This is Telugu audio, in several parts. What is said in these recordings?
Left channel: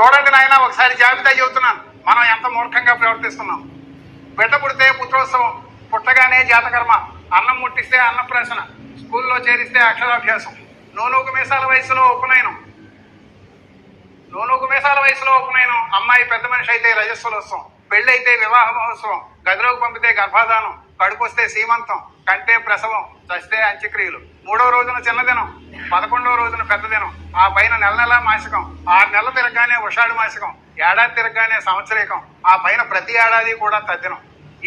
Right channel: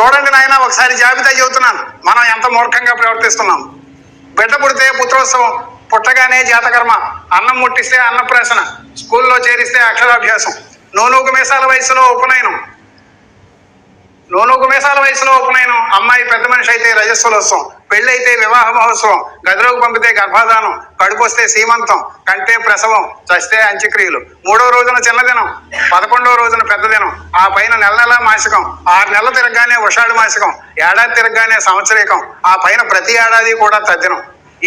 చూడండి నాయన ఒకసారి జాబితా చెబుతున్నాను. మనం ఎంత మూర్ఖంగా ప్రవర్తిస్తున్నాం. బిడ్డ పుడితే పుత్రోత్సవం పుట్టగానే జాతకర్మ అన్నం ముట్టిస్తే అన్నప్రాసన స్కూల్లో చేరిస్తే అక్షరాభ్యాసం. నూనూకు మీసాల వయసులో ఉపనయనం. నూనూకు మీసాల వయసులో ఉపనయనం. అమ్మాయి పెద్ద మనిషి అయితే రజస్వలోత్సవం పెళ్ళి అయితే వివాహ మహోత్సవం గదిలోకి పంపితే గర్భాధానం కడుపు వస్తే సీమంతం కంటే ప్రసవం చస్తే అంత్యక్రియలు. మూడో రోజున చిన్నదినం. పదకొండో రోజున పెద్ద దినం. ఆ పైన నెల నెల మాసికం. ఆరు నెలలు తిరగగానే ఉషాడు మాసికం. ఏడాది తిరగగానే సంవత్సరీకం. ఆ పైన ప్రతి ఏడాది కూడా తద్దినం.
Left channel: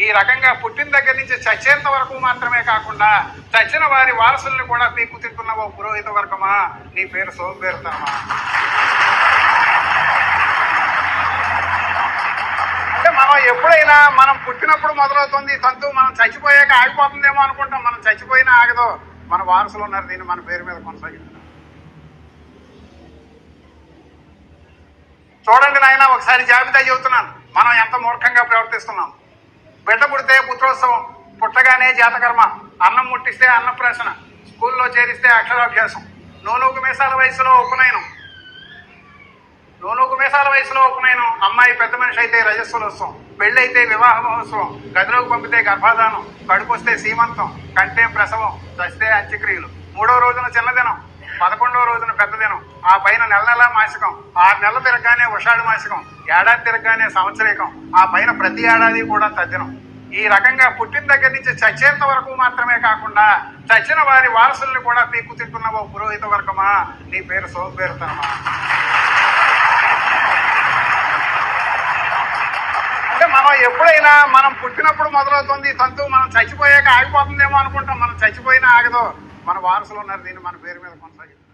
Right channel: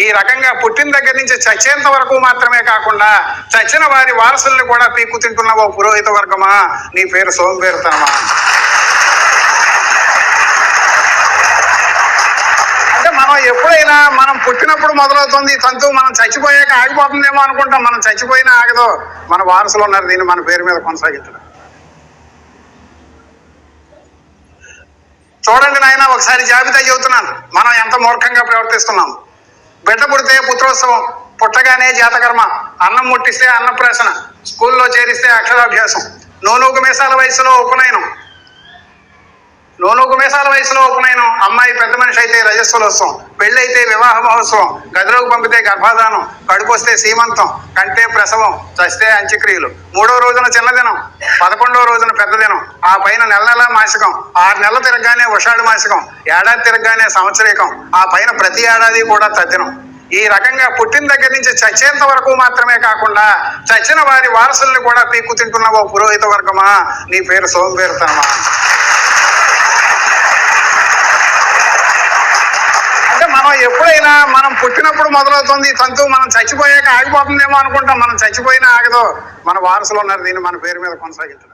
ఈ రకంగా పుట్టిన దగ్గర నుంచి చచ్చేంత వరకు మాత్రమే కాకుండా చచ్చిన వారి వారసుల్ని కూడా పీక్కు తింటున్న ఓ పురోహిత వర్గమా? నీ పేరు సోంబేరుతనమా అంటే మనం ఎప్పుడైనా మనం పుట్టినప్పుడు మొదలవుతుంది తంతు మనం చచ్చిపోయాక ఆగిపోతుందేమో అనుకుంటాం. మనం చచ్చిపోయినా ఆగదు. మన వారసులు ఉన్నారు దీన్ని మన పేరు మీద కొనసాగించడం చూడండి నాయన ఒకసారి జాబితా చెబుతున్నాను. మనం ఎంత మూర్ఖంగా ప్రవర్తిస్తున్నాం. బిడ్డ పుడితే పుత్రోత్సవం పుట్టగానే జాతకర్మ అన్నం ముట్టిస్తే అన్నప్రాసన స్కూల్లో చేరిస్తే అక్షరాభ్యాసం నూనూగు మీసాల వయసులో ఉపనయనం నూనూగు మీసాల వయసులో ఉపనయనం అమ్మాయి పెద్ద మనిషి అయితే రజస్వలోత్సవం పెళ్ళి అయితే వివాహ మహోత్సవం గదిలోకి పంపితే గర్భాధానం కడుకొస్తే సీమంతం కంటే ప్రసవం చస్తే అంత్యక్రియలు. మూడో రోజున చిన్నదినం పదకొండో రోజున పెద్ద దినం ఆ పైన నెల నెల మాసికం ఆరు నెలలు తిరగగానే ఉషాడు మాసికం ఏడాది తిరగగానే సంవత్సరీకం. ఆ పైన ప్రతి ఏడాది కూడా తద్దినం. ఈ రకంగా పుట్టిన దగ్గర నుంచి చచ్చేంత వరకు మాత్రమే కాకుండా చచ్చిన వారి వారసుల్ని కూడా పీక్కు తింటున్న ఓ పురోహిత వర్గమా? నీ పేరు సోంబేరుతనమా అంటే మనం ఎప్పుడైనా మనం పుట్టినప్పుడు మొదలవుతుంది తంతు మనం చచ్చిపోయాక ఆగిపోతుందేమో అనుకుంటాం. మనం చచ్చిపోయినా ఆగదు. మన వారసులు ఉన్నారు దీన్ని మన పేరు మీద కొనసాగించడం.